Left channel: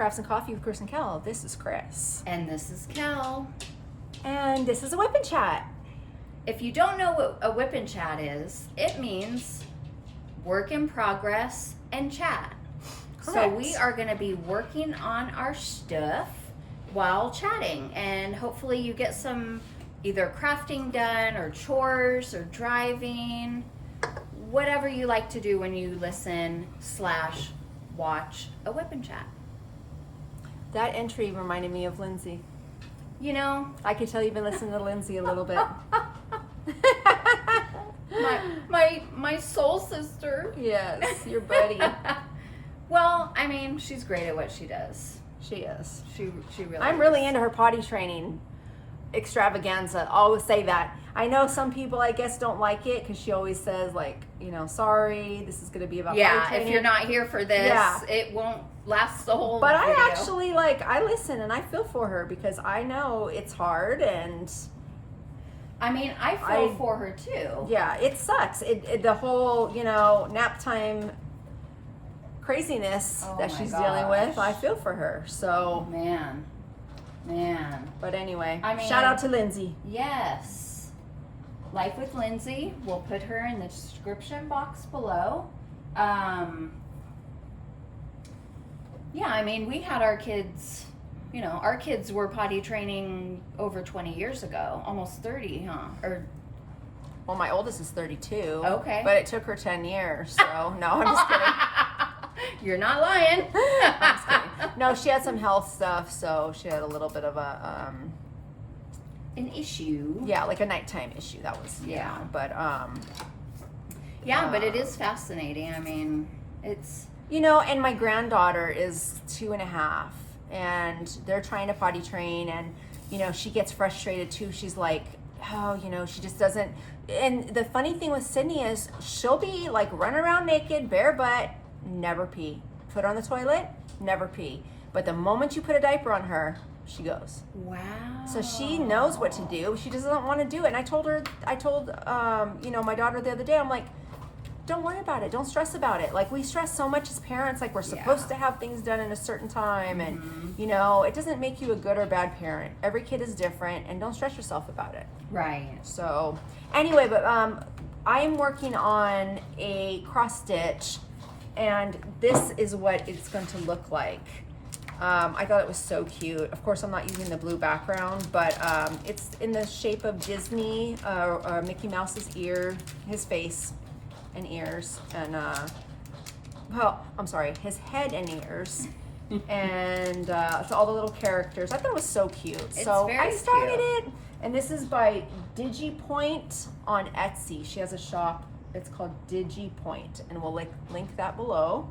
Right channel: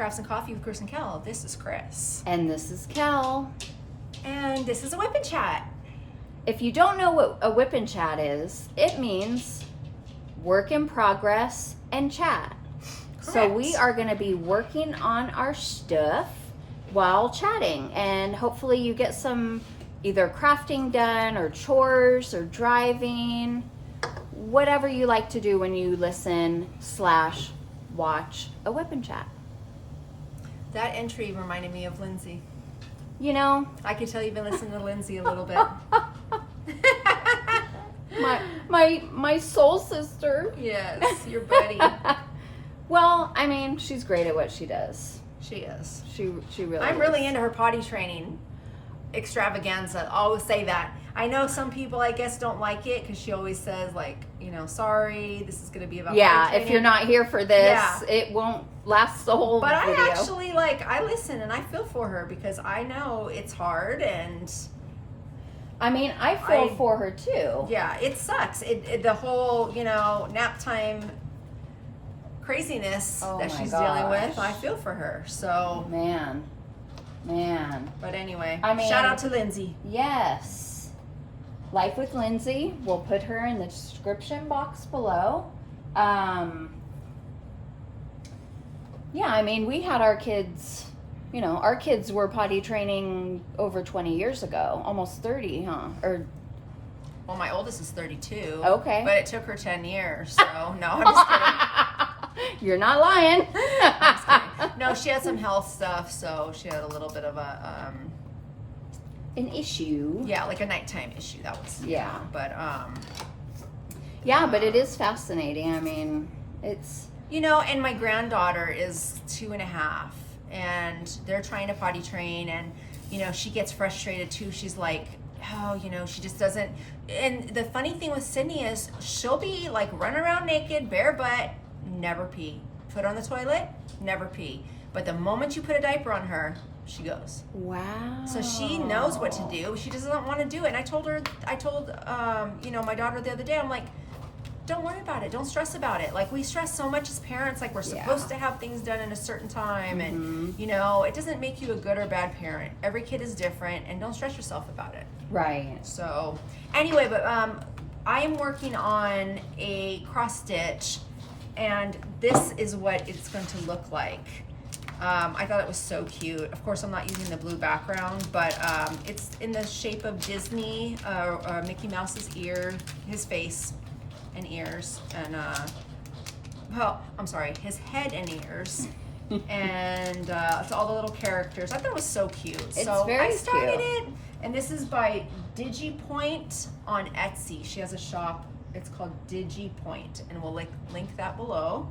Crafts and Coffee with Kris and Kel. This is Kris. And this is Kel. And this is a WIP and Chat. If you don't know what a WIP and Chat is, it means work in progress and chat. Correct. So we are going to be working on our stuff while chatting, and hopefully you get some either crafting done or chores or driving, whatever you like to do when you listen / watch a WIP and Chat. That entry reminded me of Lindsay. You know, I could tell you've been listening to Lindsay a little bit. my soul sister. Yes, your buddy. Well, I mean, she's great at what she does. She is. She really I'm is. really into her potty training extravaganza. Always say that. I know some people, I guess, don't like it because she always says, like, you know, sorry, this is going to be about potty training. If you're not here for this, Yeah. It won't last the whole But video. I actually, like, I listen and I feel for her because I know it's hard and... I mean, I feel for her too. Yeah, it sucks. The whole, you know, nap time craziness that she's dealing with, I feel for her. So, man. But anyway, I mean, shout out to Lindsay. Yes. Life with Lindsay. We'll put her in the description box below. Yeah, I mean, we had our kids, you know, our kids were potty training over 20 years ago, almost 30, huh? Or Well, my oldest is 32. Okay. But it took her 10 years, so no, I'm just kidding. You're not lying. I'm just kidding. No, she had some health stuff, so she had a little bit of a an issue. yeah, like a nighttime issue. That was Yeah. But Yeah, but it is fascinating. I mean, it's you know, and my granddaughter is 2.5, and they're trying to potty train, and you know, she gets frustrated too. She's like, oh, you know, she just doesn't. And the funny thing with Sydney is she'll be like run around naked, bare butt, never pee. Put her on the toilet, never pee. But the moment you put a diaper on her, she goes. wow. So she knows what to do. She doesn't want to do it. And I told you know, my daughter the other day, I'm like, don't worry about it. Don't stress about it. Like, we stress so much as parents, like we're supposed to have things done in a certain time. And, you know, it doesn't make you a good or bad parent. Every kid is different, and don't stress yourself about it. Right. So anyway, but I am working on a cross stitch, and this is what it's going to look like. I thought it was so cute. Of course, I'm not using the blue background, but it's in the shape of Disney, Mickey Mouse's ear, his face and ears, and well, I'm sorry, his head and ears, and so all the little characters. I thought it was so cute. It's so very I started cute. it, and this is by DigiPoint on Etsy. She has a shop. It's called DigiPoint, and we'll link that below.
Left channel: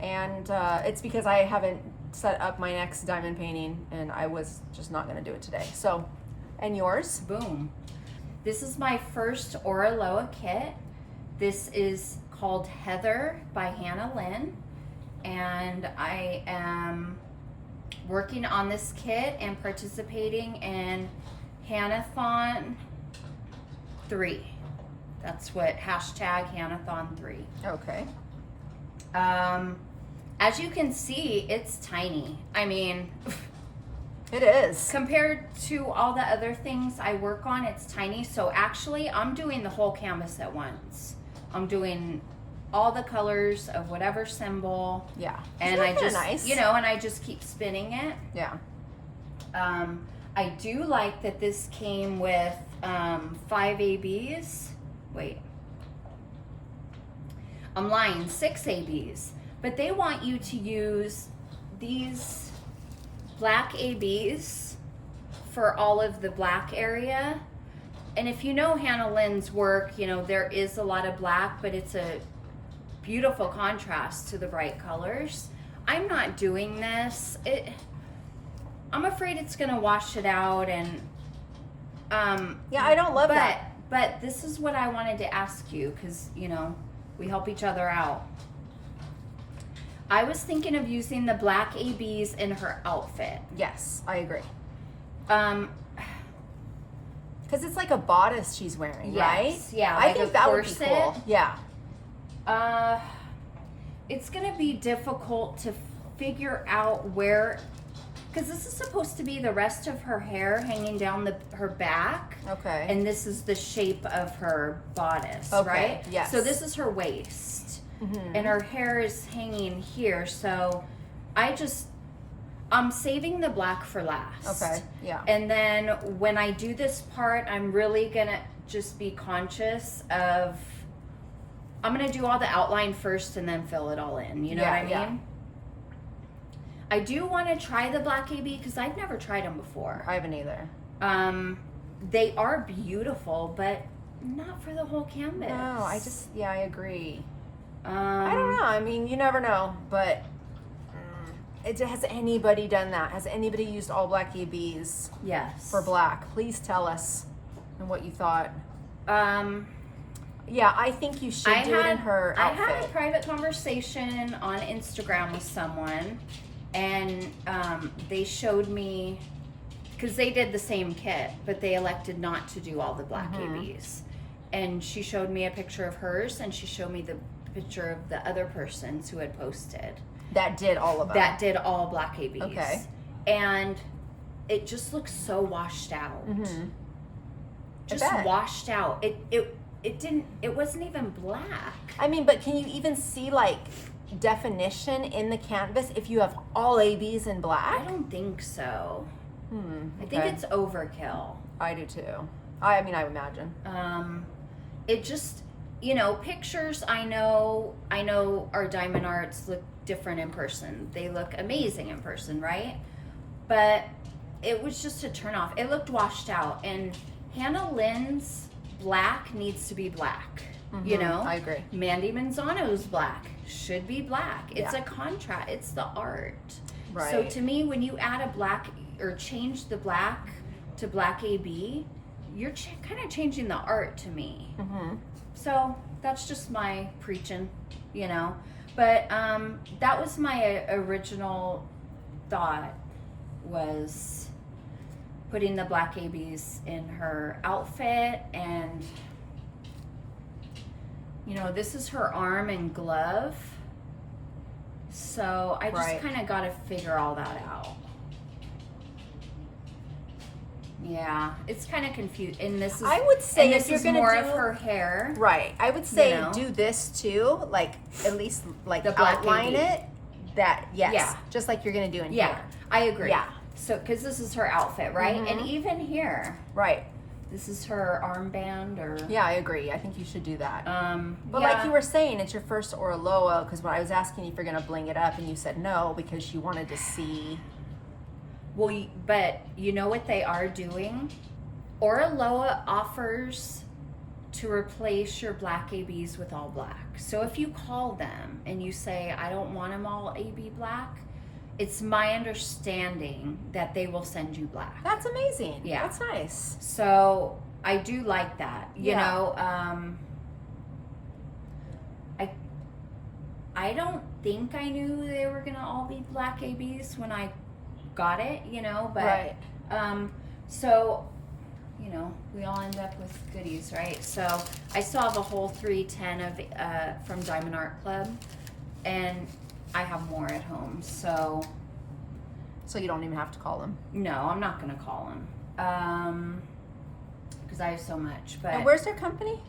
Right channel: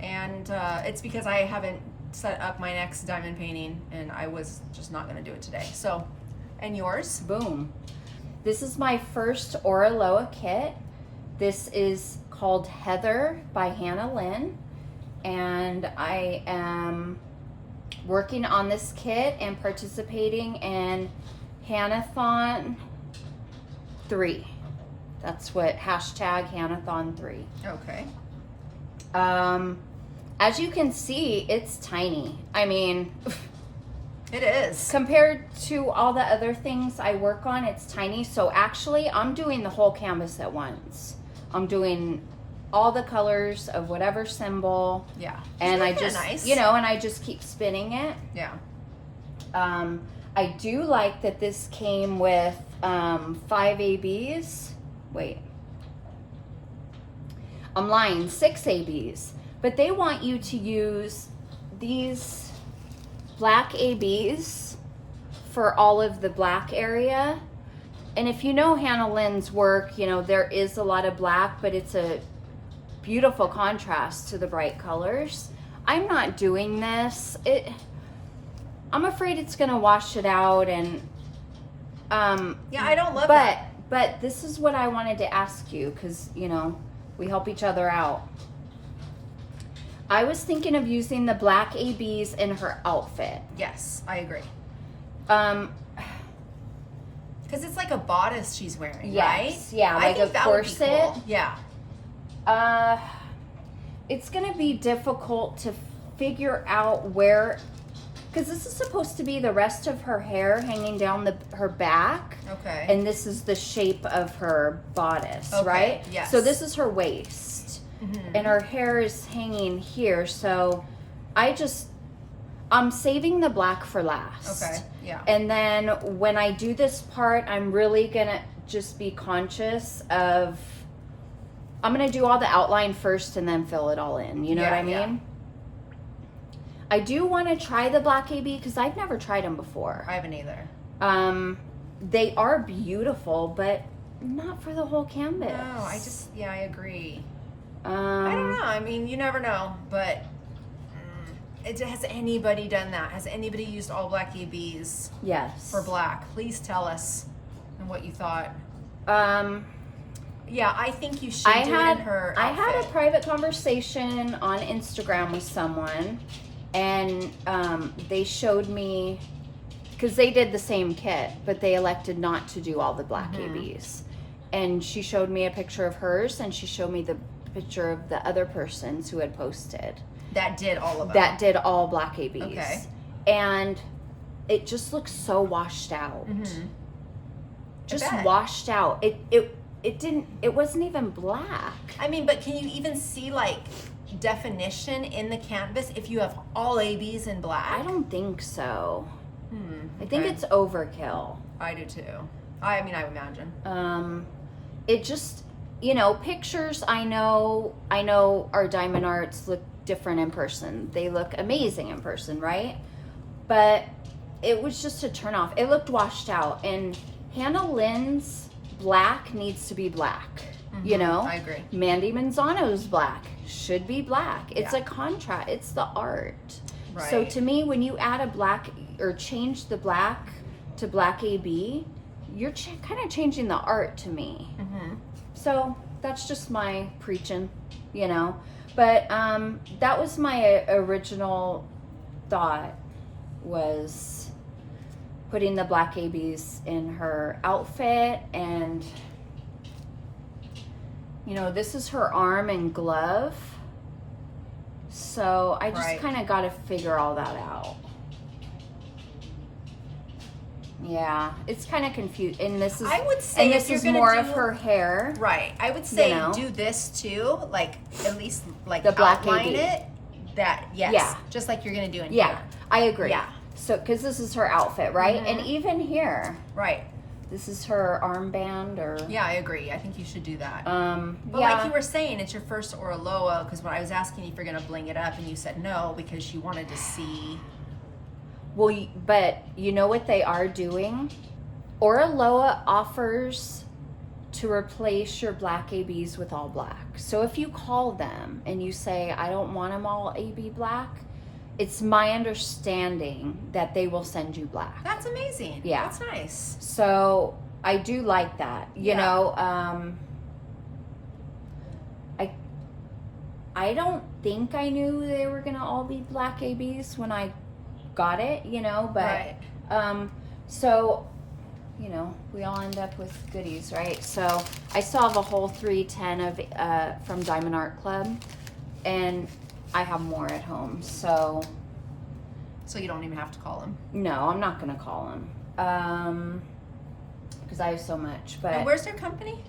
And it's because I haven't set up my next diamond painting, and I was just not going to do it today. So, and yours? Boom. This is my first Aura Loa kit. This is called Heather by Hannah Lynn, and I am working on this kit and participating in Hannathon 3. That's what #Hannathon 3. Okay. As you can see, it's tiny. I mean, It is. compared to all the other things I work on, it's tiny. So actually, I'm doing the whole canvas at once. I'm doing all the colors of whatever symbol. Yeah. And I just, nice. you know, and I just keep spinning it. Yeah. I do like that this came with 5 ABs. Wait. I'm lying, 6 ABs. But they want you to use these black ABs for all of the black area. And if you know Hannah Lynn's work, you know, there is a lot of black, but it's a beautiful contrast to the bright colors. I'm not doing this. I'm afraid it's gonna wash it out, and yeah, I don't love that. But this is what I wanted to ask you, because, you know, we help each other out. I was thinking of using the black ABs in her outfit. Yes, I agree. Because it's like a bodice she's wearing, yes, right? Yeah, I like think a that corset. would be cool. Yeah. it's going to be difficult to figure out where, because this is supposed to be the rest of her hair hanging down her back. Okay. And this is the shape of her bodice, Okay, right? yes. So this is her waist. Mm-hmm. And her hair is hanging here. So I'm saving the black for last. Okay, yeah. And then when I do this part, I'm really going to just be conscious of, I'm going to do all the outline first and then fill it all in. You know what I mean? Yeah. I do want to try the black AB because I've never tried them before. I haven't either. They are beautiful, but not for the whole canvas. No, I agree. I don't know. I mean, you never know, but has anybody done that? Has anybody used all black ABs? Yes. For black? Please tell us and what you thought. Yeah, I think you should do it in her outfit. I had a private conversation on Instagram with someone, and they showed me, because they did the same kit, but they elected not to do all the black ABs. And she showed me a picture of hers, and she showed me the picture of the other persons who had posted. That did all of them. That did all black ABs. Okay. And it just looks so washed out. Mm-hmm. Just washed out. It wasn't even black. I mean, but can you even see like definition in the canvas if you have all ABs in black? I don't think so. Okay. I think it's overkill. I do too. I mean, I would imagine. It just, you know, pictures I know our diamond arts look different in person. They look amazing in person, right? But it was just a turn off. It looked washed out, and Hannah Lynn's black needs to be black. You know? I agree. Mandy Manzano's black should be black. It's a contrast. It's the art. Right. So to me, when you add a black or change the black to black AB, you're kind of changing the art to me. So that's just my preaching, you know. But that was my original thought, was putting the black ABs in her outfit. And, you know, this is her arm and glove. So I just kind of got to figure all that out. Yeah, it's kind of confused. And this is, I would say, and this if you're is gonna more do, of her hair. Right. I would say, you know, do this too, like at least like the black outline AB. it. That Yeah. just like you're gonna do in Yeah, here. I agree. Yeah. So, because this is her outfit, right? And even here, Right. this is her armband, or Yeah, I agree. I think you should do that. But yeah. like you were saying, it's your first Orloa, because when I was asking if you're gonna bling it up, and you said no because you wanted to see. Well, but you know what they are doing? Orloa offers to replace your black ABs with all black. So if you call them and you say, I don't want them all AB black, it's my understanding that they will send you black. That's amazing. Yeah. That's nice. So I do like that. You know, I don't think I knew they were gonna all be black ABs when I got it, you know, but so, you know, we all end up with goodies, right? So I still have a whole 310 of from Diamond Art Club, and I have more at home. So you don't even have to call them. no, I'm not gonna call them because I have so much. But And where's their company?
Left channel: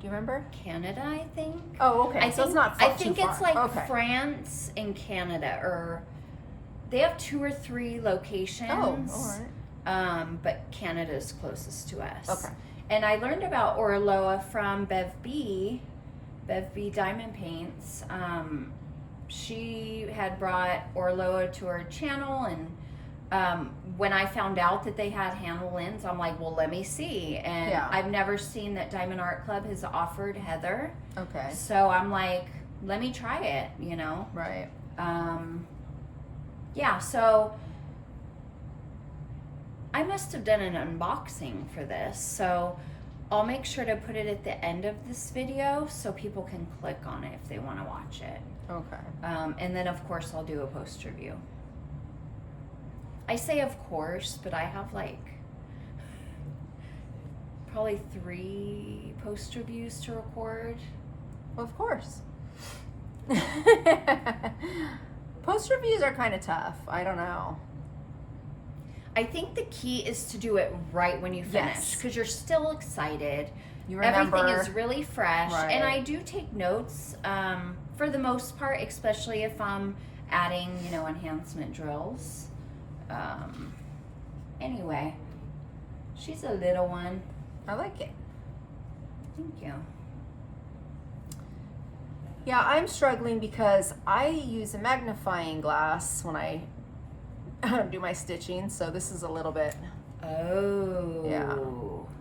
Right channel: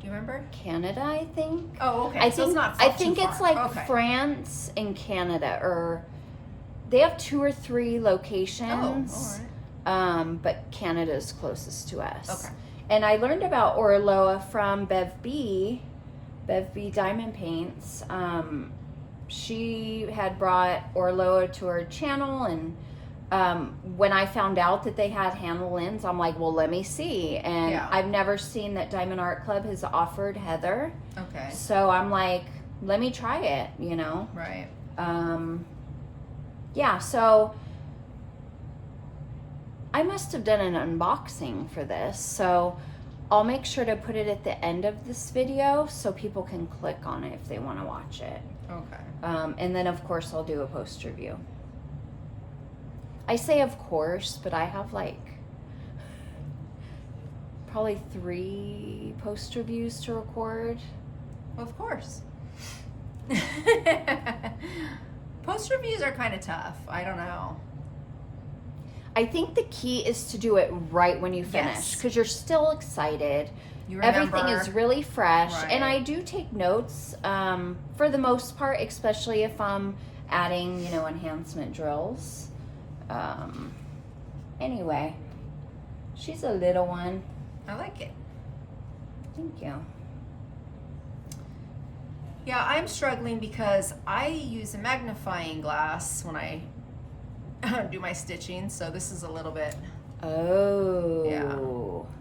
Do you remember? Canada, I think. Oh, okay. I So think it's not I too think it's far. like Okay. France and Canada, or they have 2 or 3 locations. Oh, all right. But Canada's closest to us. Okay. And I learned about Orloa from Bev B Diamond Paints. She had brought Orloa to her channel, and when I found out that they had Hannah Lynn's, I'm like, well, let me see. And Yeah. I've never seen that Diamond Art Club has offered Heather. Okay. So I'm like, let me try it, you know? Right. Yeah, so I must have done an unboxing for this. So I'll make sure to put it at the end of this video so people can click on it if they want to watch it. Okay. And then, of course, I'll do a post review. I say of course, but I have like probably 3 poster views to record. Of course. Post reviews are kind of tough. I don't know. I think the key is to do it right when you finish, because you're still excited. You remember. Everything is really fresh. Right. And I do take notes for the most part, especially if I'm adding, enhancement drills. Anyway, she's a little one. I like it. Thank you. Yeah, I'm struggling because I use a magnifying glass when I do my stitching, so this is a little bit. Oh. Yeah.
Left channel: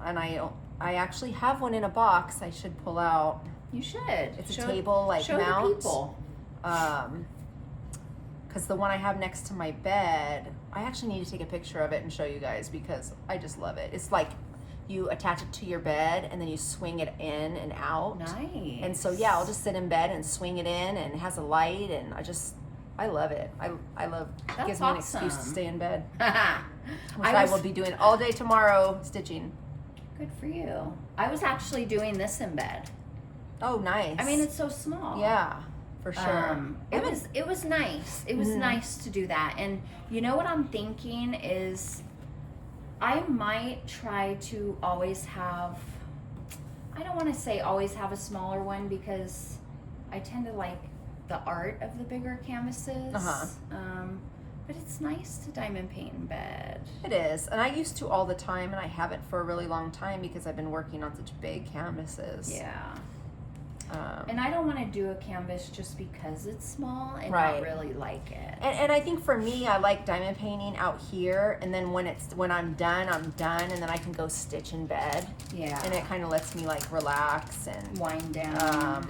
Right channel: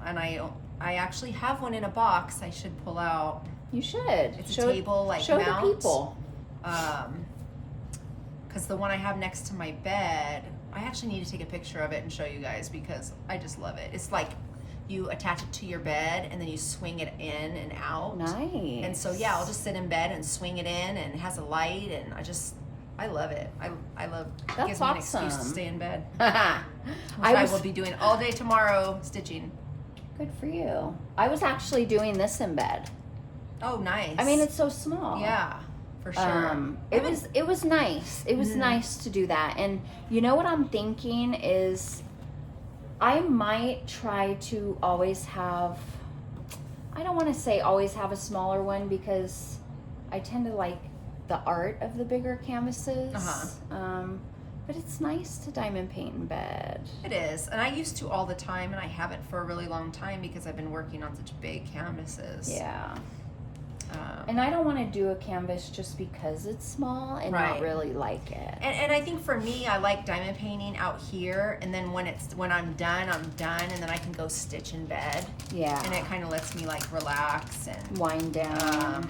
And I actually have one in a box I should pull out. You should. It's a table like show mount. the people. Because the one I have next to my bed, I actually need to take a picture of it and show you guys because I just love it. It's like you attach it to your bed and then you swing it in and out. Nice. And so yeah, I'll just sit in bed and swing it in, and it has a light, and I love it. I love it. That's Gives me an excuse to awesome. stay in bed. Which I will be doing all day tomorrow, stitching. Good for you. I was actually doing this in bed. Oh, nice. I mean, it's so small. Yeah, for sure. It was nice. It was nice to do that. And you know what I'm thinking is I might try to always have, I don't want to say always have a smaller one because I tend to like the art of the bigger canvases. But it's nice to diamond paint in bed. It is. And I used to all the time, and I haven't for a really long time because I've been working on such big canvases. Yeah. And I don't want to do a canvas just because it's small and not really like it. And I think for me, I like diamond painting out here, and then when I'm done, and then I can go stitch in bed. Yeah. And it kind of lets me like relax and wind down,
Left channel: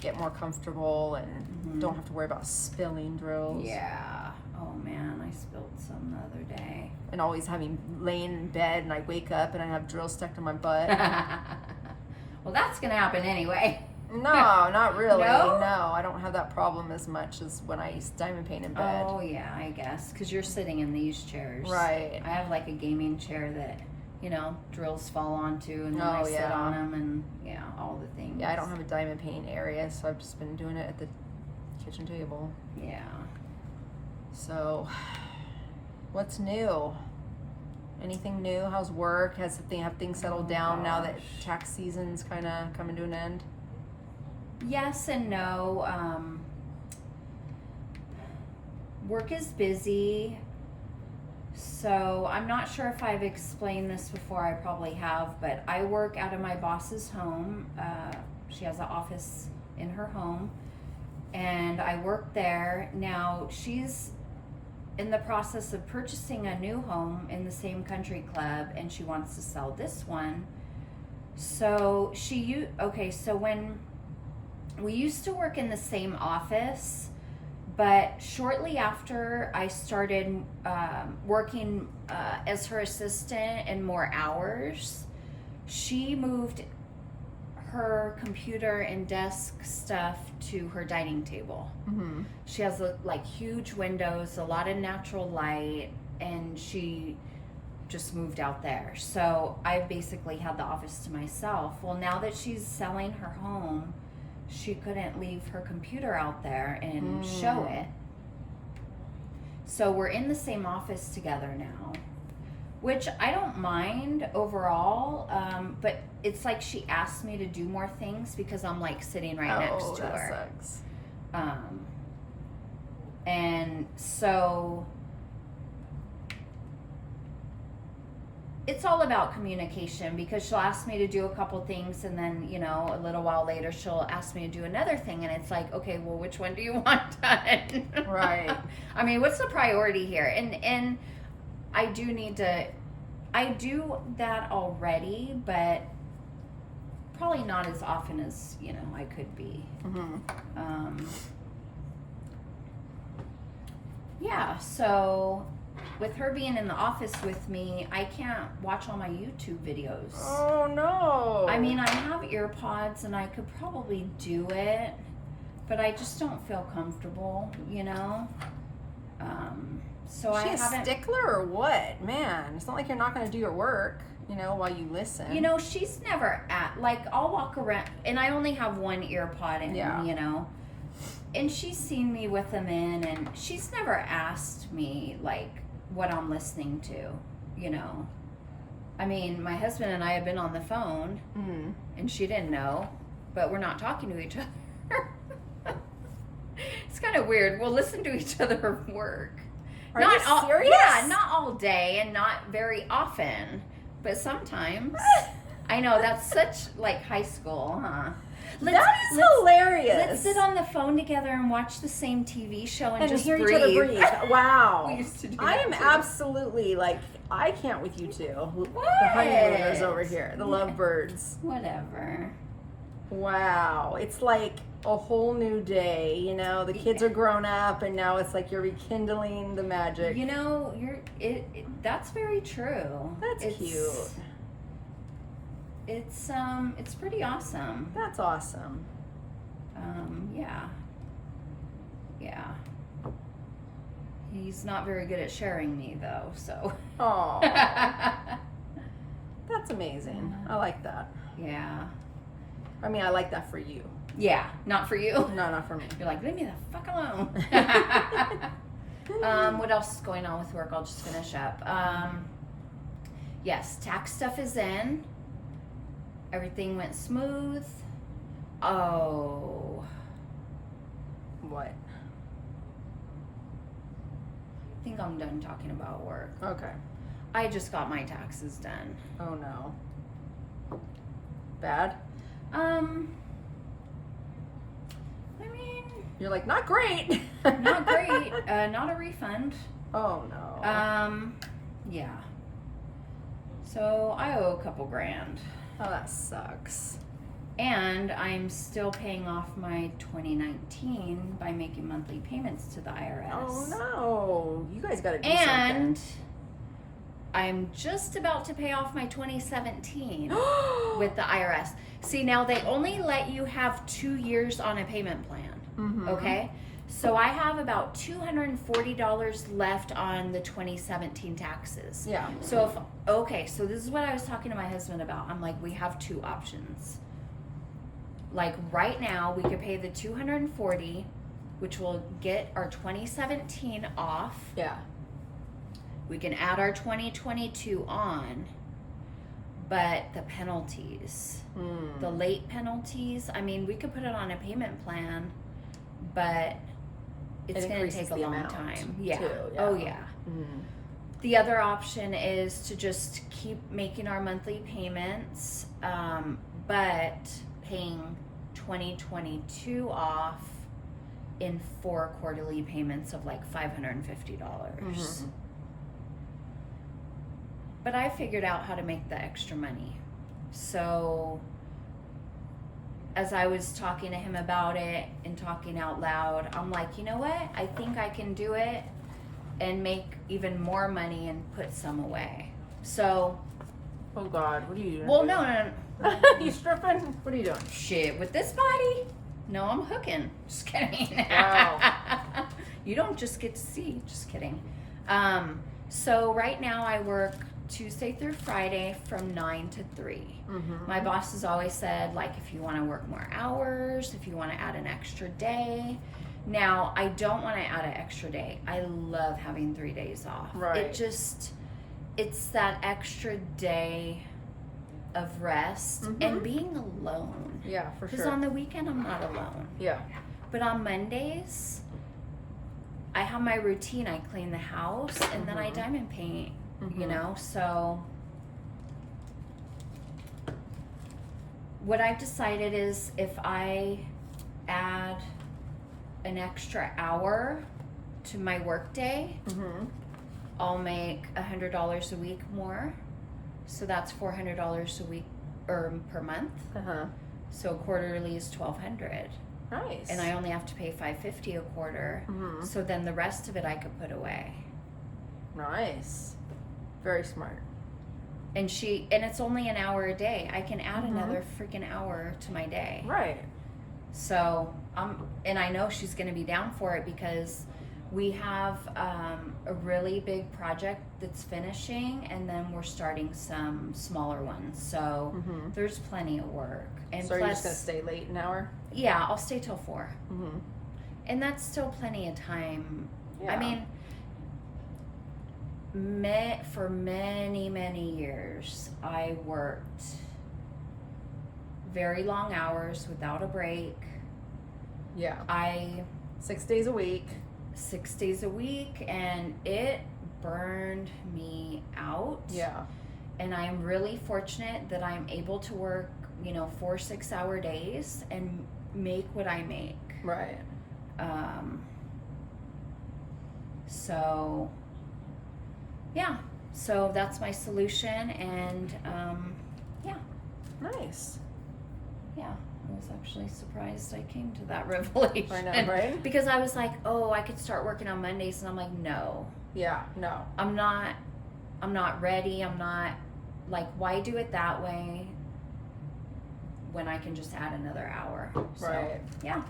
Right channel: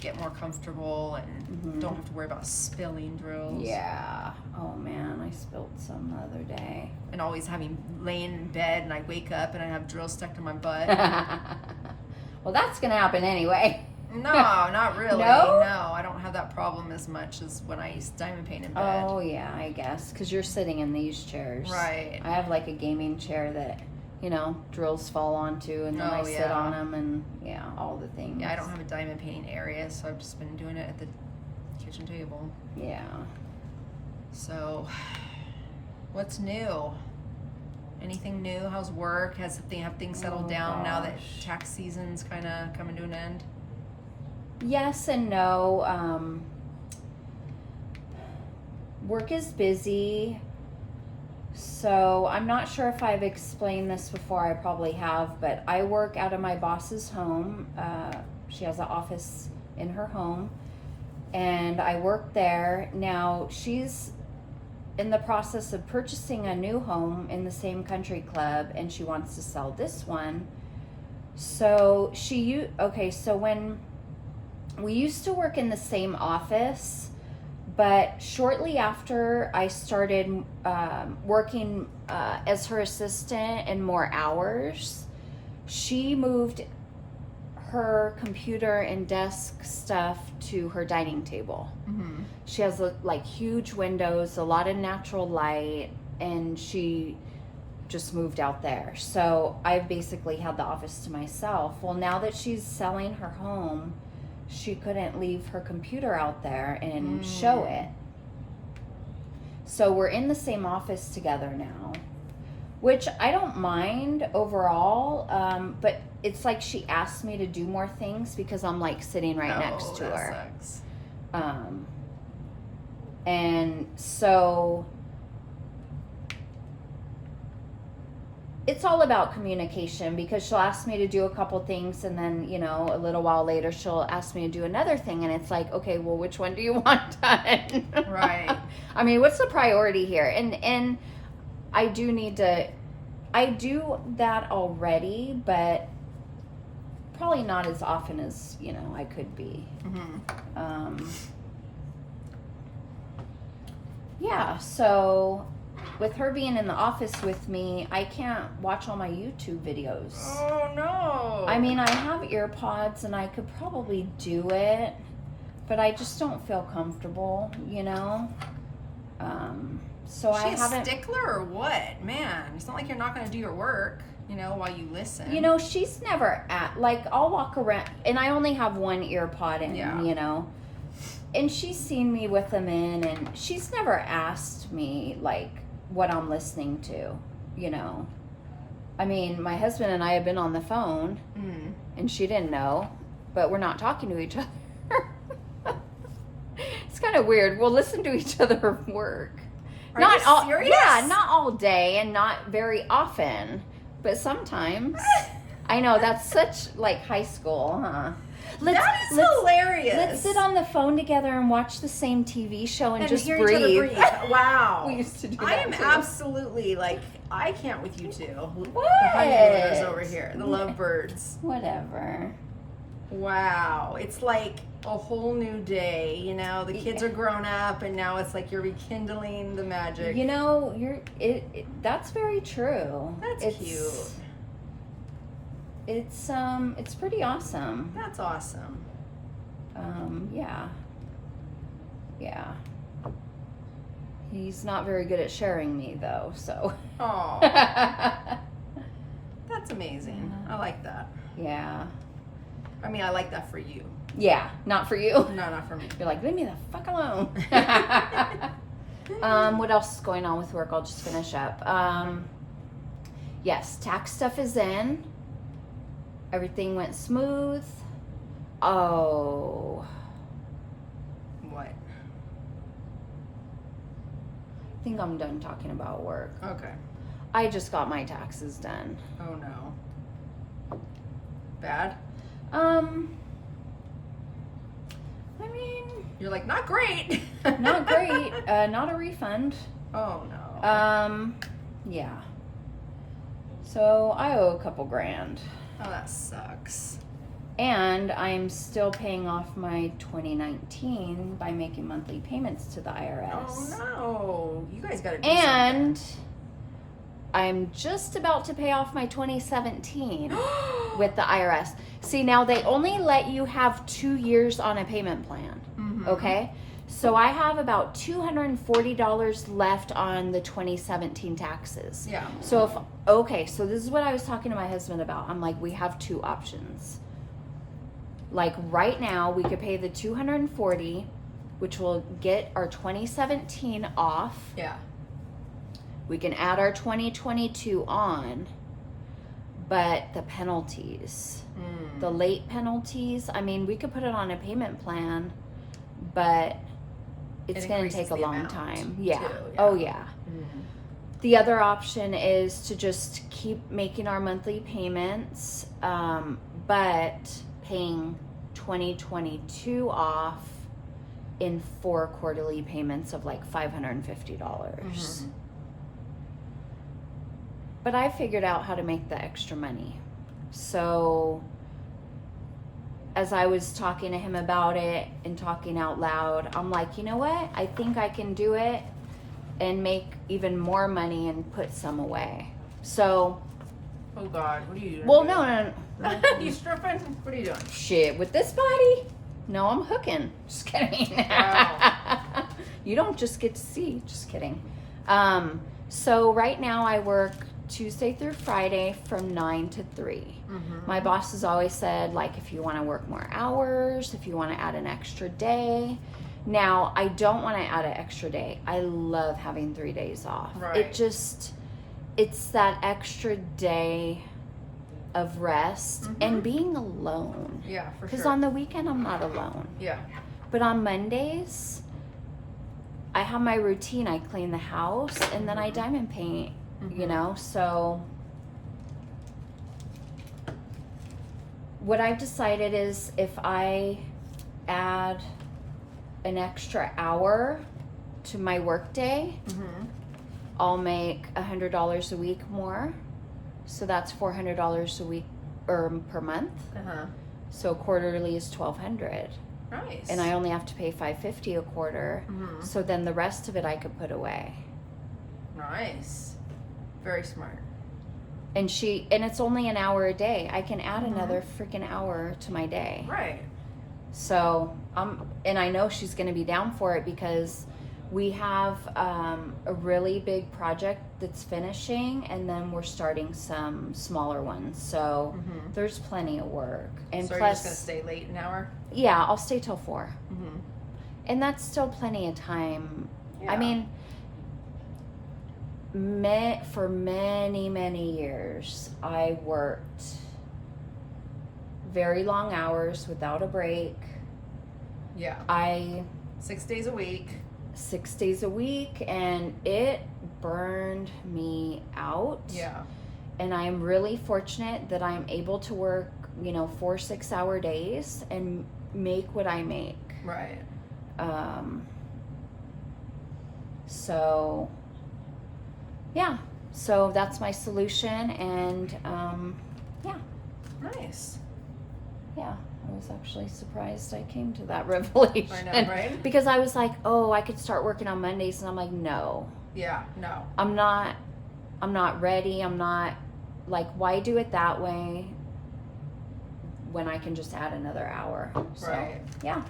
get more comfortable, and don't have to worry about spilling drills. Yeah. Oh man, I spilled some the other day. And always laying in bed, and I wake up and I have drills stuck to my butt. Well, that's gonna happen anyway. No, not really. No? No, I don't have that problem as much as when I diamond paint in bed. Oh yeah, I guess because you're sitting in these chairs. Right. I have like a gaming chair that drills fall onto, and then I sit on them, and all the things. Yeah, I don't have a diamond painting area, so I've just been doing it at the kitchen table. Yeah. So, what's new? Anything new? How's work? Have things settled down now that tax season's kind of coming to an end? Yes and no. Work is busy, so I'm not sure if I've explained this before. I probably have, but I work out of my boss's home. She has an office in her home, and I work there. Now she's in the process of purchasing a new home in the same country club, and she wants to sell this one. So so when we used to work in the same office, but shortly after I started working as her assistant and more hours, she moved her computer and desk stuff to her dining table. Mm-hmm. She has like huge windows, a lot of natural light, and she just moved out there. So I basically had the office to myself. Well, now that she's selling her home, she couldn't leave her computer out there and show it. So we're in the same office together now, which I don't mind overall, but it's like she asked me to do more things because I'm like sitting right next to her. Sucks. And so it's all about communication, because she'll ask me to do a couple things, and then a little while later she'll ask me to do another thing, and it's like, okay, well, which one do you want done? Right. I mean, what's the priority here? And I do need to, I do that already, but probably not as often as I could be. Yeah, so with her being in the office with me, I can't watch all my YouTube videos. Oh no. I mean, I have ear pods and I could probably do it, but I just don't feel comfortable, So I haven't. Is she a stickler or what? Man, it's not like you're not going to do your work. you know, while you listen. You know, she's never like, I'll walk around, and I only have one ear pod in, you know, and she's seen me with them in, and she's never asked me, like, what I'm listening to, you know. I mean, my husband and I have been on the phone, and she didn't know, but we're not talking to each other. It's kind of weird. We'll listen to each other at work. Are you serious? Yeah, not all day and not very often, but sometimes. I know, that's such, like, high school, huh? That is hilarious. Let's sit on the phone together and watch the same TV show and just hear breathe. each other breathe. Wow. We used to do that I am too. absolutely, like, I can't with you two. What? The honeymooners over here, the lovebirds. Whatever. Wow. It's like a whole new day, you know. The kids are grown up, and now it's like you're rekindling the magic. You know, that's very true. That's cute. It's pretty awesome. That's awesome. Yeah. He's not very good at sharing me though, so. Oh. That's amazing. I like that. Yeah. I mean, I like that for you. Yeah, not for you. No, not for me. You're like, leave me the fuck alone. What else is going on with work? I'll just finish up. Yes, tax stuff is in. Everything went smooth. Oh. What? I think I'm done talking about work. Okay. I just got my taxes done. Oh no. Bad? I mean, you're like, not great. Not great. Not a refund. Oh no. Yeah. So I owe a couple grand. Oh, that sucks. And I'm still paying off my 2019 by making monthly payments to the IRS. Oh no. You guys gotta do And something. I'm just about to pay off my 2017 with the IRS. See, now they only let you have 2 years on a payment plan. Okay? So I have about $240 left on the 2017 taxes. Yeah. So so this is what I was talking to my husband about. I'm like, we have two options. Like right now, we could pay the $240, which will get our 2017 off. Yeah. We can add our 2022 on, but the penalties, the late penalties, I mean, we could put it on a payment plan, but it's going to take a long time. Yeah. Too, Oh, yeah. The other option is to just keep making our monthly payments, but paying 2022 off in 4 quarterly payments of like $550. But I figured out how to make the extra money. So as I was talking to him about it and talking out loud, I'm like, you know what? I think I can do it and make even more money and put some away. So. Oh God, what are you doing? Well, no. You stripping? What are you doing? Shit, with this body? No, I'm hooking. Just kidding. Oh. You don't just get to see. Just kidding. So right now I work Tuesday through Friday from 9 to 3. My boss has always said, like, if you want to work more hours, if you want to add an extra day. Now, I don't want to add an extra day. I love having 3 days off. Right. It's that extra day of rest and being alone. Yeah, for sure. Because on the weekend, I'm not alone. Yeah. But on Mondays, I have my routine. I clean the house and then I diamond paint, you know? So what I've decided is if I add an extra hour to my work day, I'll make $100 a week more. So that's $400 a week or per month. So quarterly is $1,200. Nice. And I only have to pay $550 a quarter. So then the rest of it I could put away. Nice. Very smart. And it's only an hour a day. I can add another freaking hour to my day. Right. So and I know she's going to be down for it because We have a really big project that's finishing, and then we're starting some smaller ones. So there's plenty of work. And so plus, you're just gonna stay late an hour? Yeah, I'll stay till 4. Mm-hmm. And that's still plenty of time. Yeah. I mean, for many, many years, I worked very long hours without a break. Yeah. 6 days a week. 6 days a week, and it burned me out. Yeah. And I am really fortunate that I'm able to work, 4 6-hour days and make what I make. Right. So yeah, so that's my solution, and yeah. Nice. Yeah, I was actually surprised I came to that revelation. I know, right? Because I was like, oh, I could start working on Mondays, and I'm like, no. Yeah, no. I'm not ready. I'm not, like, why do it that way when I can just add another hour? So, Right. yeah.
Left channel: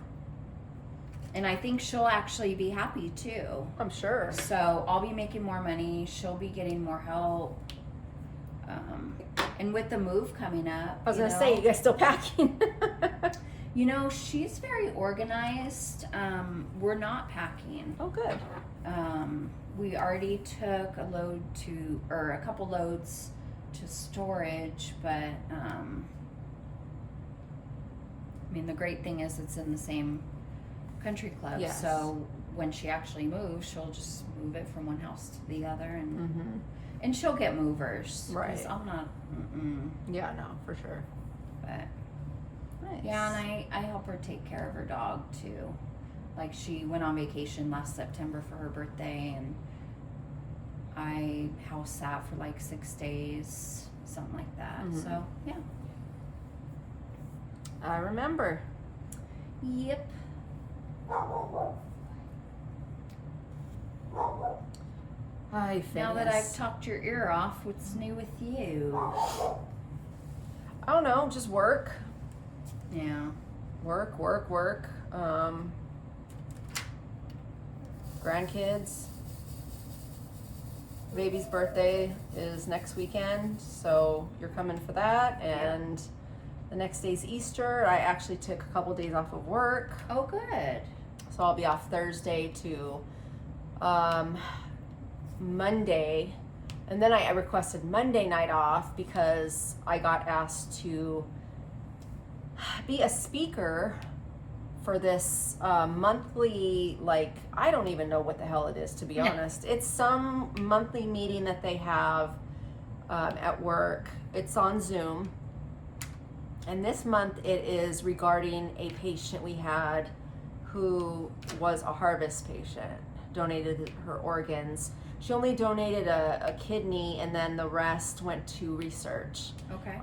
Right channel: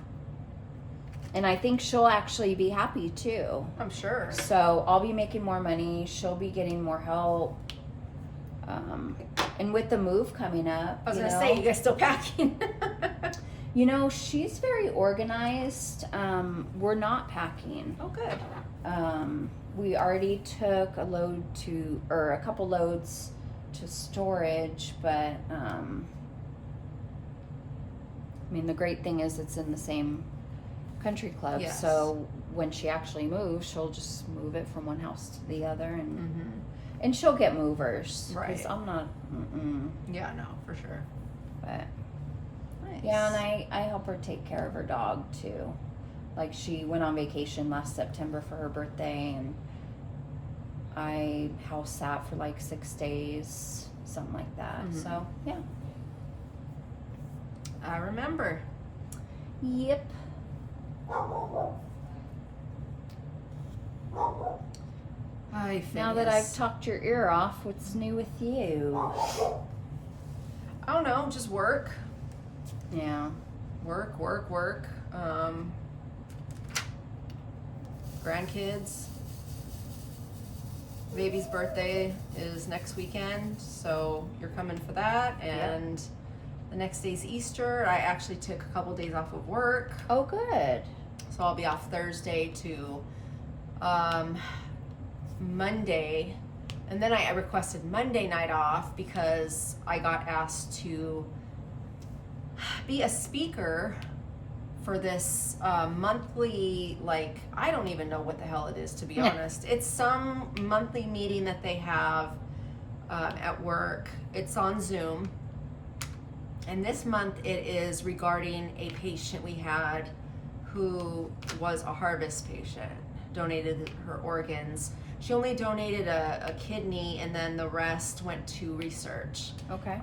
And I think she'll actually be happy too. I'm sure. So I'll be making more money. She'll be getting more help. And with the move coming up, I was gonna say, you guys still packing? She's very organized. We're not packing. Oh, good. We already took a couple loads to storage, but the great thing is it's in the same country club. Yes. So when she actually moves, she'll just move it from one house to the other, and Mm-hmm. and she'll get movers. 'Cause Right. I'm not. Yeah, no, for sure. But Nice. yeah, and I help her take care of her dog too. Like, she went on vacation last September for her birthday, and I house sat for like 6 days, something like that. Mhm. So yeah. I remember. Yep. Now that I've talked your ear off, what's new with you? I don't know, just work. Yeah. Work. Grandkids. Baby's birthday is next weekend, so you're coming for that. And the next day's Easter. I actually took a couple days off of work, Oh, good. so I'll be off Thursday to Monday. And then I requested Monday night off because I got asked to be a speaker for this monthly, like, I don't even know what the hell it is, to be honest. It's some monthly meeting that they have at work. It's on Zoom. And this month it is regarding a patient we had who was a harvest patient, donated her organs. She only donated a kidney, and then the rest went to research. Okay.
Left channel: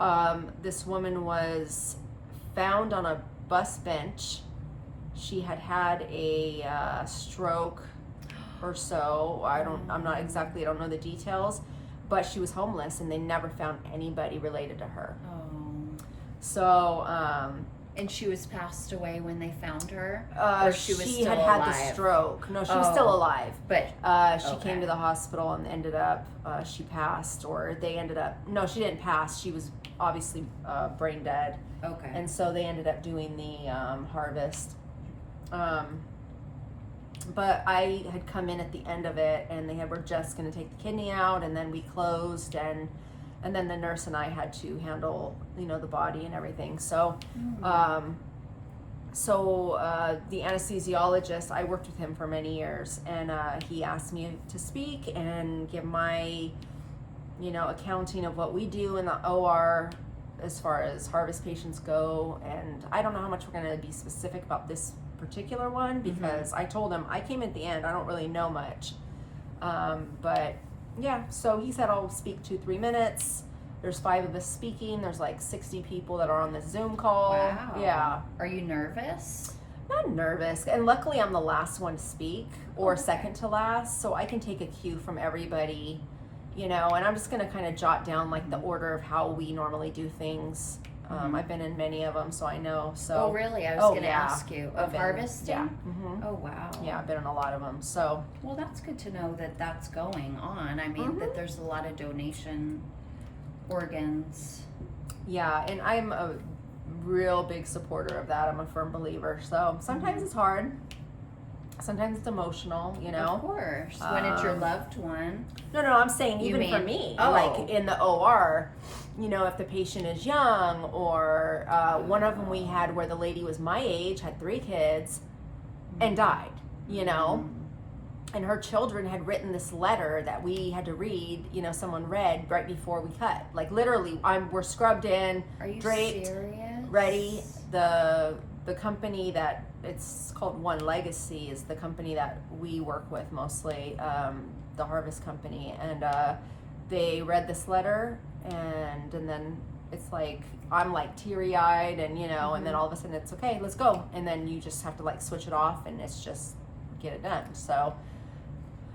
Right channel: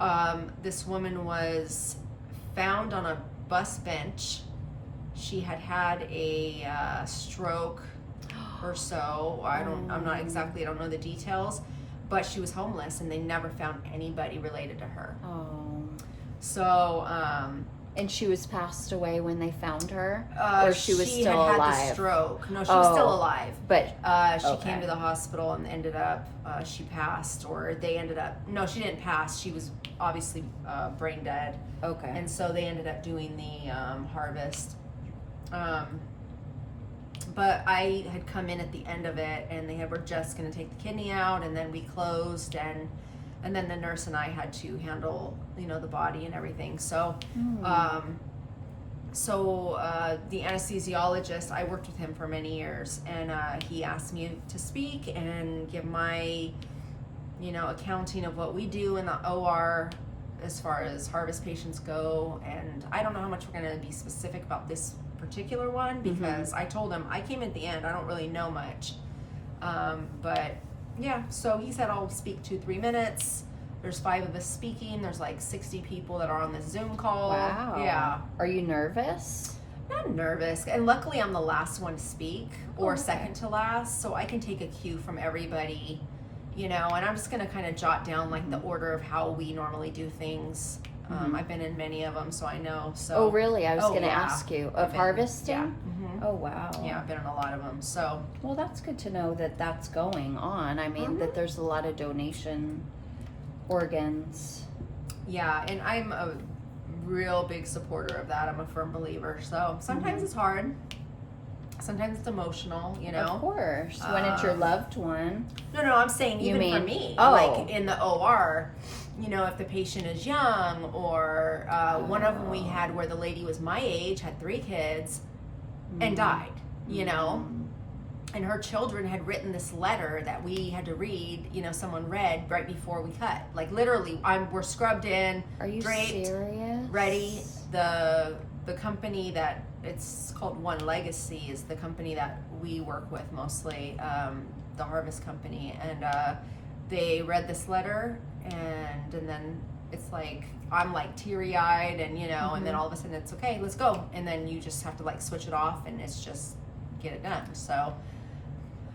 This woman was found on a bus bench. She had had a stroke or so. I don't know the details, but she was homeless, and they never found anybody related to her. Oh. So, And she was passed away when they found her? or she was she still had alive? had the stroke. No, she was still Oh. alive. But, She Okay. came to the hospital and ended up, she passed, or they ended up, no, she didn't pass. She was obviously brain dead. okay. And so they ended up doing the harvest. But I had come in at the end of it, and they were just going to take the kidney out, and then we closed, and then the nurse and I had to handle, the body and everything. So, the anesthesiologist, I worked with him for many years, and he asked me to speak and give my, accounting of what we do in the OR as far as harvest patients go. And I don't know how much we're going to be specific about this particular one, because I told him I came at the end, I don't really know much. But yeah, so he said I'll speak 2-3 minutes. There's 5 of us speaking. There's like 60 people that are on this Zoom call. Wow. Yeah. Are you nervous? Not nervous. And luckily I'm the last one to speak, or Okay. second to last, so I can take a cue from everybody, and I'm just going to kind of jot down like the order of how we normally do things. I've been in many of them, so I know. So. Oh, really? I was going to ask you. Of harvesting? Yeah. Mm-hmm. Oh, wow. Yeah, I've been in a lot of them. So. Well, that's good to know that that's going on. I mean, that there's a lot of donation organs. Yeah, and I'm a real big supporter of that. I'm a firm believer. So sometimes it's hard. Sometimes it's emotional, you know. Of course. When it's your loved one. No, I'm saying even for me. Like in the OR, you know, if the patient is young, or one of them we had where the lady was my age, had 3 kids, and died, you know. And her children had written this letter that we had to read, you know, someone read right before we cut. Like literally, we're scrubbed in, Are you draped, serious? ready. The company that it's called One Legacy is the company that we work with mostly, the Harvest Company, and they read this letter, and then it's like I'm like teary-eyed, and you know, and then all of a sudden it's okay, let's go, and then you just have to like switch it off, and it's just get it done. So.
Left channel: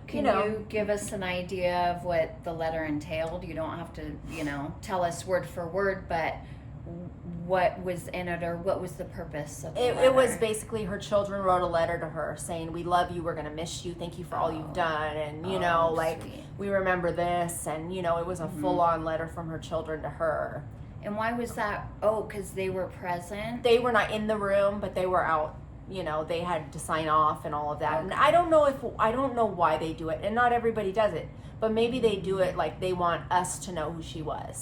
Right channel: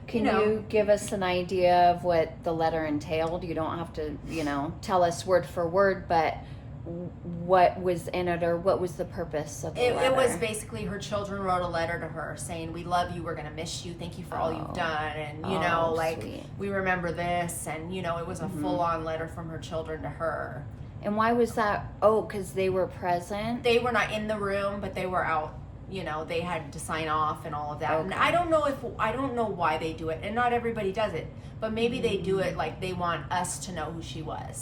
Can you give us an idea of what the letter entailed? You don't have to, you know, tell us word for word, but what was in it, or what was the purpose of the letter? It was basically her children wrote a letter to her saying, we love you, we're going to miss you, thank you for all you've done, and you know, like, sweet. We remember this, and you know, it was a full-on letter from her children to her. And why was that? Oh, because they were present? They were not in the room, but they were out. You know, they had to sign off and all of that. Okay. And I don't know why they do it, and not everybody does it. But maybe they do it like they want us to know who she was.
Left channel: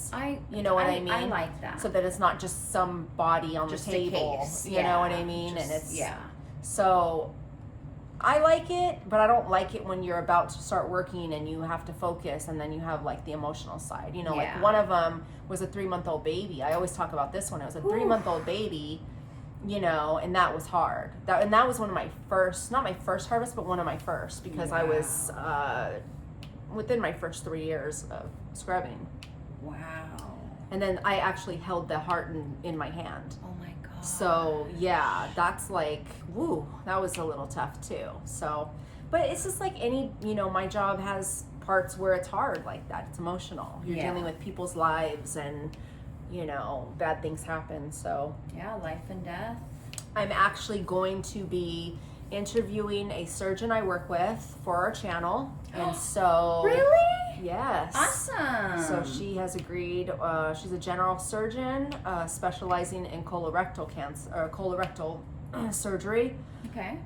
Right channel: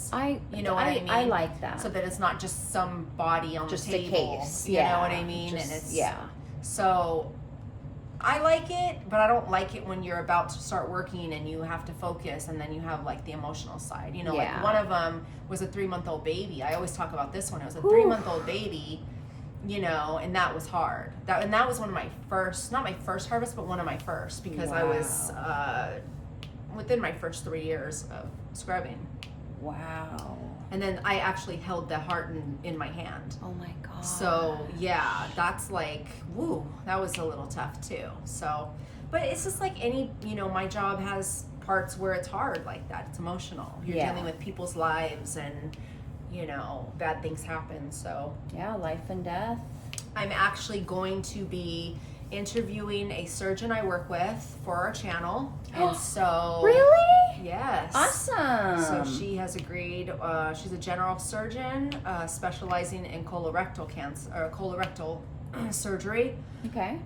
You know what I mean? I like that. So that it's not just some body on just the table. a case. You know what I mean? Just, and it's yeah. So I like it, but I don't like it when you're about to start working and you have to focus, and then you have like the emotional side. You know, like one of them was a 3-month-old baby. I always talk about this one. It was a 3-month-old baby. You know, and that was hard. That was one of my first, not my first harvest, but one of my first, because I was within my first 3 years of scrubbing. Wow. And then I actually held the heart in my hand. Oh my God. So yeah, that's like, woo, that was a little tough too. So, but it's just like any, you know, my job has parts where it's hard like that. It's emotional. You're dealing with people's lives, and you know, bad things happen. So yeah, life and death. I'm actually going to be interviewing a surgeon I work with for our channel, and so Really? Yes. Awesome. So she has agreed. She's a general surgeon specializing in colorectal cancer or colorectal surgery. Okay.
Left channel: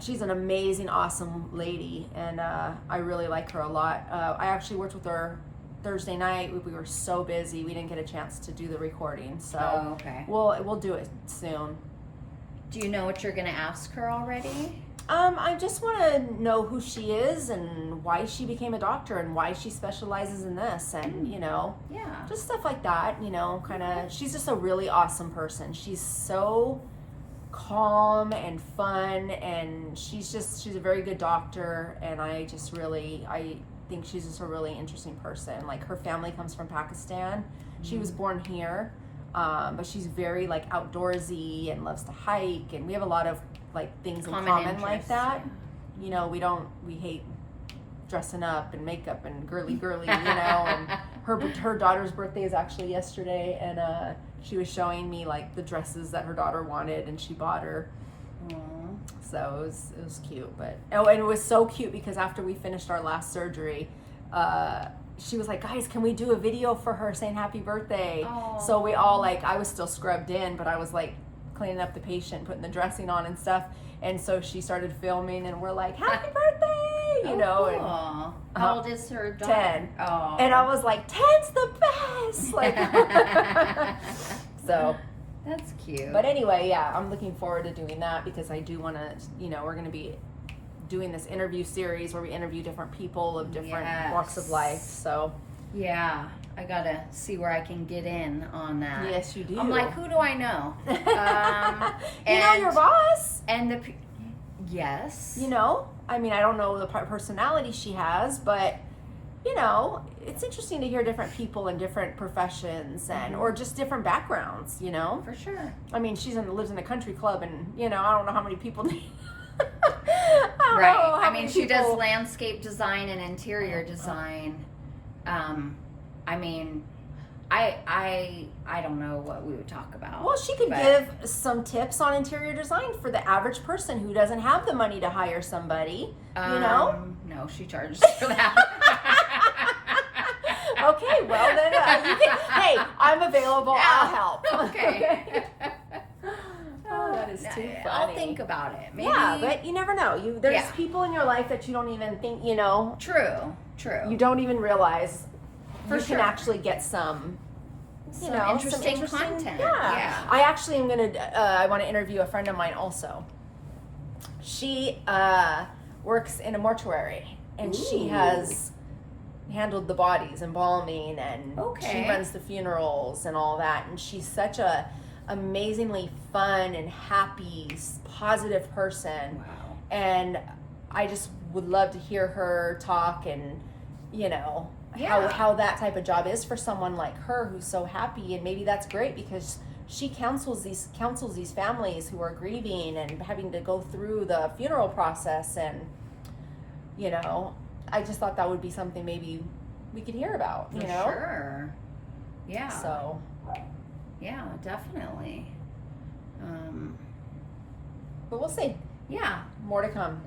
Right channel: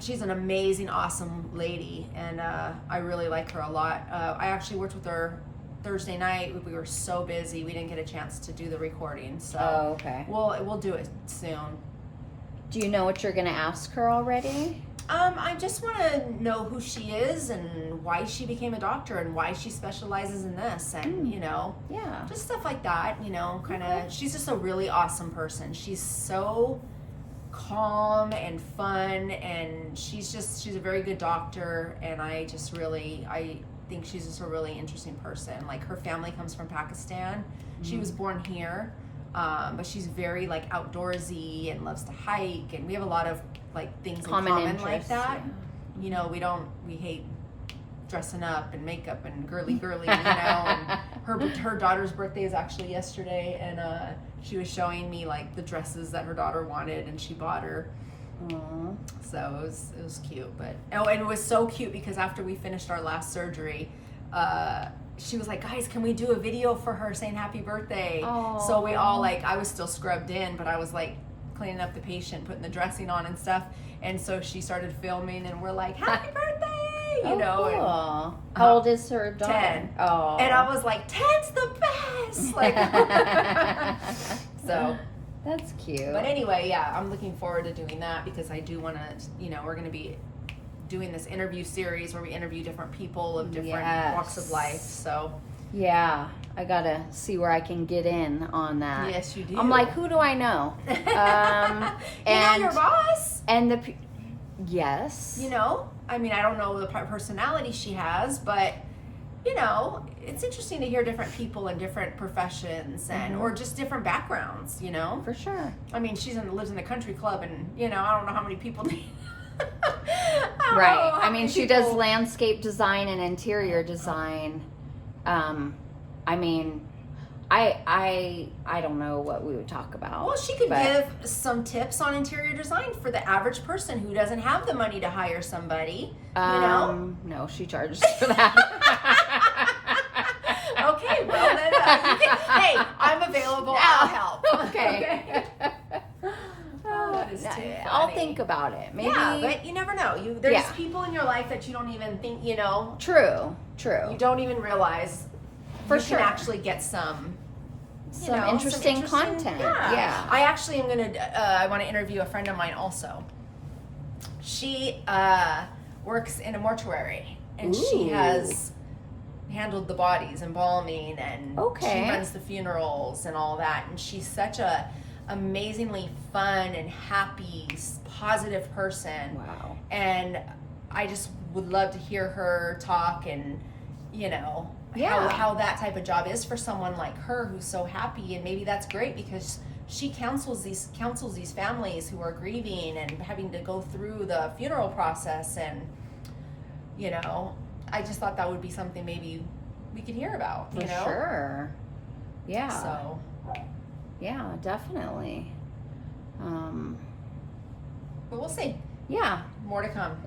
She's an amazing, awesome lady, and I really like her a lot. I actually worked with her Thursday night. We were so busy, we didn't get a chance to do the recording. So okay. We'll do it soon. Do you know what you're gonna ask her already? I just want to know who she is and why she became a doctor and why she specializes in this, and you know, just stuff like that. You know, kind of. She's just a really awesome person. She's so calm and fun, and she's a very good doctor, and I think she's just a really interesting person. Like, her family comes from Pakistan. She was born here, but she's very like outdoorsy and loves to hike, and we have a lot of like things in common like that. You know, we hate dressing up and makeup and girly, you know. And her daughter's birthday is actually yesterday, and she was showing me like the dresses that her daughter wanted, and she bought her. Aww. So it was cute, but and it was so cute because after we finished our last surgery, she was like, guys, can we do a video for her saying happy birthday? Aww. So we all like, I was still scrubbed in, but I was like cleaning up the patient, putting the dressing on and stuff, and so she started filming, and we're like, happy birthday, you know. Cool. How old is her daughter? 10. Oh. And I was like, 10's the best. Like, so. That's cute. But anyway, yeah, I'm looking forward to doing that because I do want to, you know, we're going to be doing this interview series where we interview different people of different walks of life. So yeah, I gotta see where I can get in on that. Yes, you do. I'm like, who do I know? And your boss. And yes. You know, I mean, I don't know the personality she has, but you know, it's interesting to hear different people in different professions and or just different backgrounds, you know. For sure. I mean, lives in a country club, and you know, I don't know how many people. Right. I mean, she does landscape design and interior design. I mean, I don't know what we would talk about. Well, she could give some tips on interior design for the average person who doesn't have the money to hire somebody. You know? No, she charges for that. Okay, well then, hey, I'm available. I'll help. Okay. Oh, that is too funny. I'll think about it. Maybe. Yeah, but you never know. There's people in your life that you don't even think, you know. True. You don't even realize. For you sure. can actually get some interesting content. Yeah. I actually am gonna. I want to interview a friend of mine also. She works in a mortuary, and she has handled the bodies, embalming, and she runs the funerals and all that. And she's such a amazingly fun and happy, positive person. Wow. And I just would love to hear her talk and, you know, how that type of job is for someone like her who's so happy. And maybe that's great because she counsels these families who are grieving and having to go through the funeral process. And, you know, I just thought that would be something maybe we could hear about, you know? Sure. Yeah. So. Yeah, definitely. But we'll see. Yeah. More to come.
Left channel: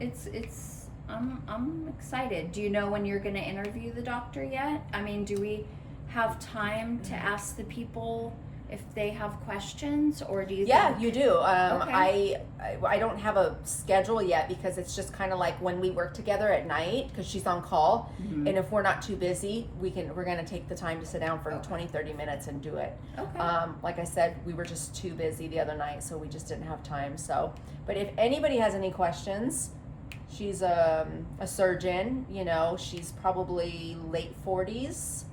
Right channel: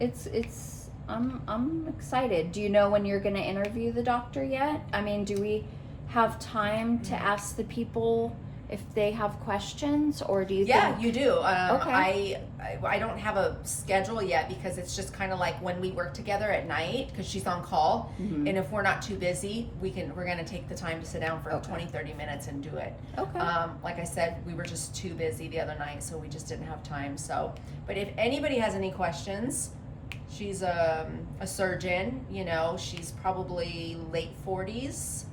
I'm excited. Do you know when you're going to interview the doctor yet? I mean, do we have time to ask the people if they have questions, or do you think? You do. Okay. I don't have a schedule yet because it's just kind of like when we work together at night because she's on call. Mm-hmm. And if we're not too busy, we're going to take the time to sit down for 20-30 minutes and do it. Okay. Like I said, we were just too busy the other night, so we just didn't have time. So, but if anybody has any questions, she's a surgeon, you know, she's probably late 40s.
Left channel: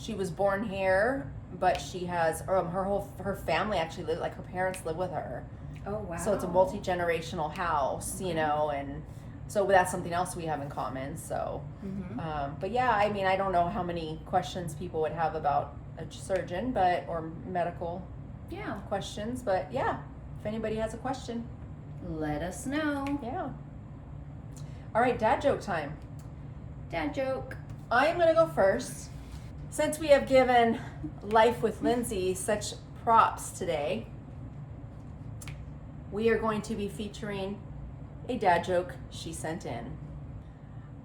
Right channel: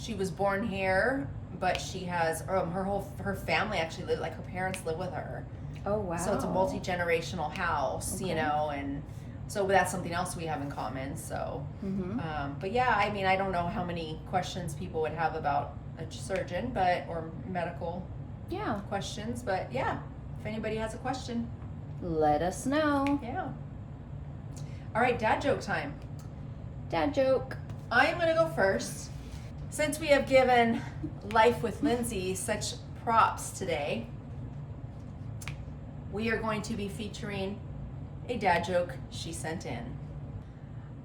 She was born here, but she has her family actually live, like her parents live with her. Oh wow! So it's a multi-generational house, you know, and so that's something else we have in common. So, but yeah, I mean, I don't know how many questions people would have about a surgeon, or medical, questions. But yeah, if anybody has a question, let us know. Yeah. All right, dad joke time. Dad joke. I'm gonna go first. Since we have given Life with Lindsay such props today, we are going to be featuring a dad joke she sent in.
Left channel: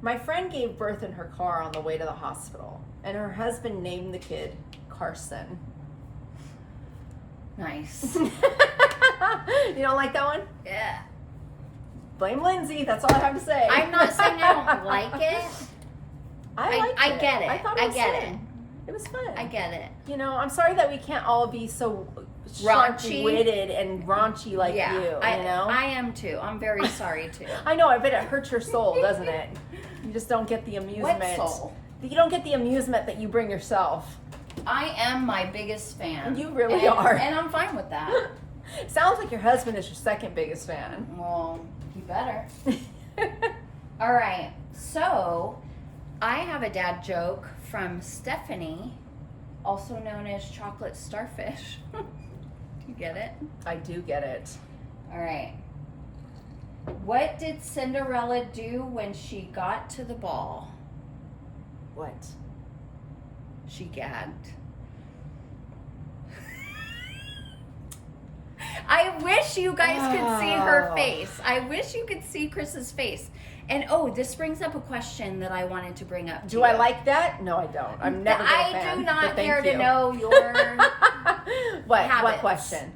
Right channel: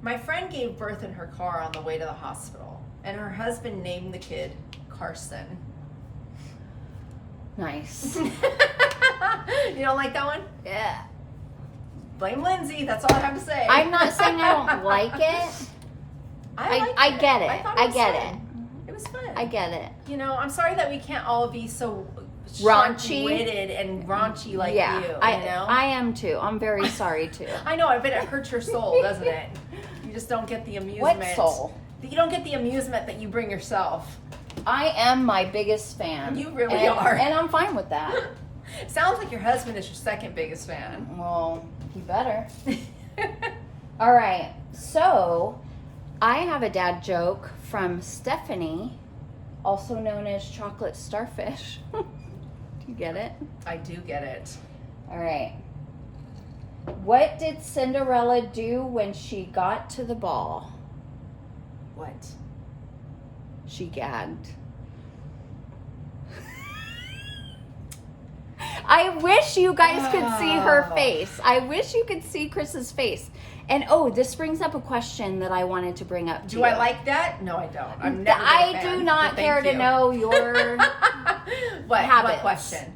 My friend gave birth in her car on the way to the hospital, and her husband named the kid Carson. Nice. You don't like that one? Yeah. Blame Lindsay, that's all I have to say. I'm not saying I don't like it. I get it. I get it. It was fun. I get it. You know, I'm sorry that we can't all be so raunchy-witted and raunchy like you. You know? I am too. I'm very sorry too. I know. I bet it hurts your soul, doesn't it? You just don't get the amusement. What soul? You don't get the amusement that you bring yourself. I am my biggest fan. You really are. And I'm fine with that. Sounds like your husband is your second biggest fan. Well, you better. All right. So, I have a dad joke from Stephanie, also known as Chocolate Starfish. Do you get it? I do get it. All right. What did Cinderella do when she got to the ball? What? She gagged. I wish you guys could see her face. I wish you could see Kris's face. And this brings up a question that I wanted to bring up to you. Do I like that? No, I don't. I'm never I do not care to know your habits. What question?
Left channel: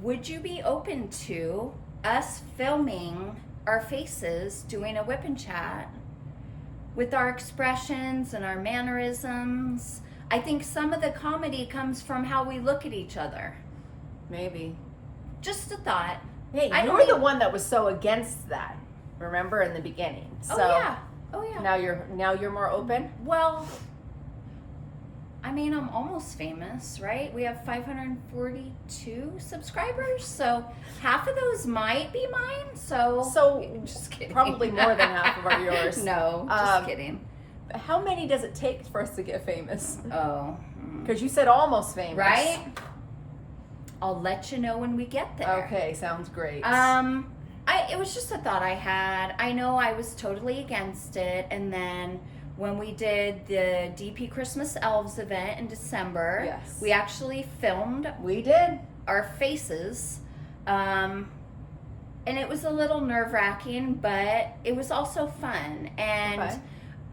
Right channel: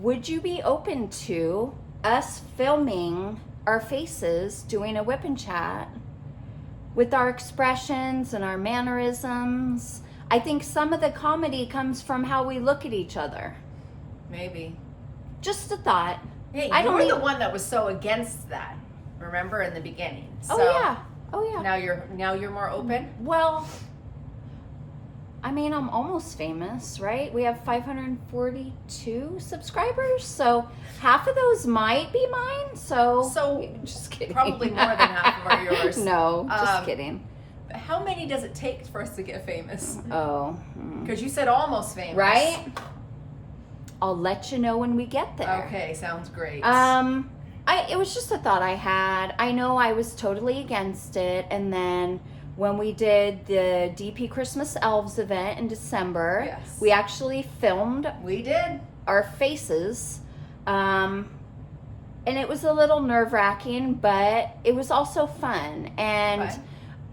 Would you be open to us filming our faces doing a whip and chat with our expressions and our mannerisms? I think some of the comedy comes from how we look at each other. Maybe. Just a thought. Yeah, you were the one that was so against that. Remember in the beginning. So Oh yeah. Now you're more open? Well, I mean, I'm almost famous, right? We have 542 subscribers, so half of those might be mine. So just kidding. Probably more than half of are yours. No, just kidding. How many does it take for us to get famous? Oh. Because you said almost famous. Right? I'll let you know when we get there. Okay, sounds great. It was just a thought I had. I know I was totally against it, and then when we did the DP Christmas Elves event in December. Yes. We actually filmed We did. our faces. And it was a little nerve-wracking, but it was also fun. And Fun.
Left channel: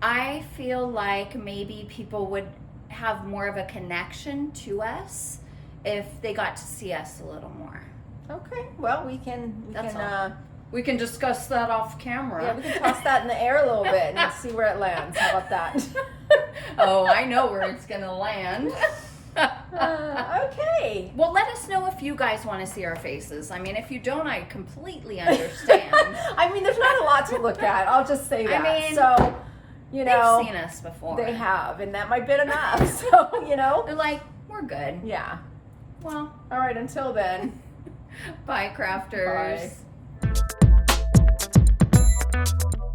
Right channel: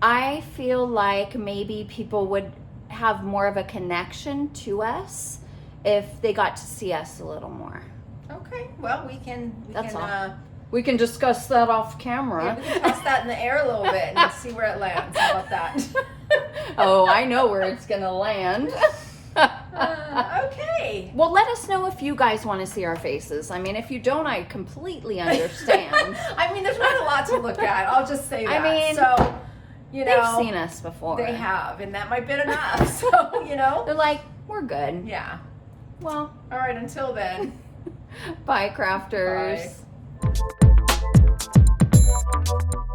I feel like maybe people would have more of a connection to us if they got to see us a little more. Okay, well, we can We can discuss that off camera. yeah, we can toss that in the air a little bit and see where it lands. How about that? Oh, I know where it's gonna land. Okay. Well, let us know if you guys want to see our faces. I mean, if you don't, I completely understand. I mean, there's not a lot to look at. I'll just say that. I mean, so, you know, they've seen us before. they have, and that might be enough. So, you know, They're like, we're good. yeah. Well, All right. Until then. bye, crafters. Bye.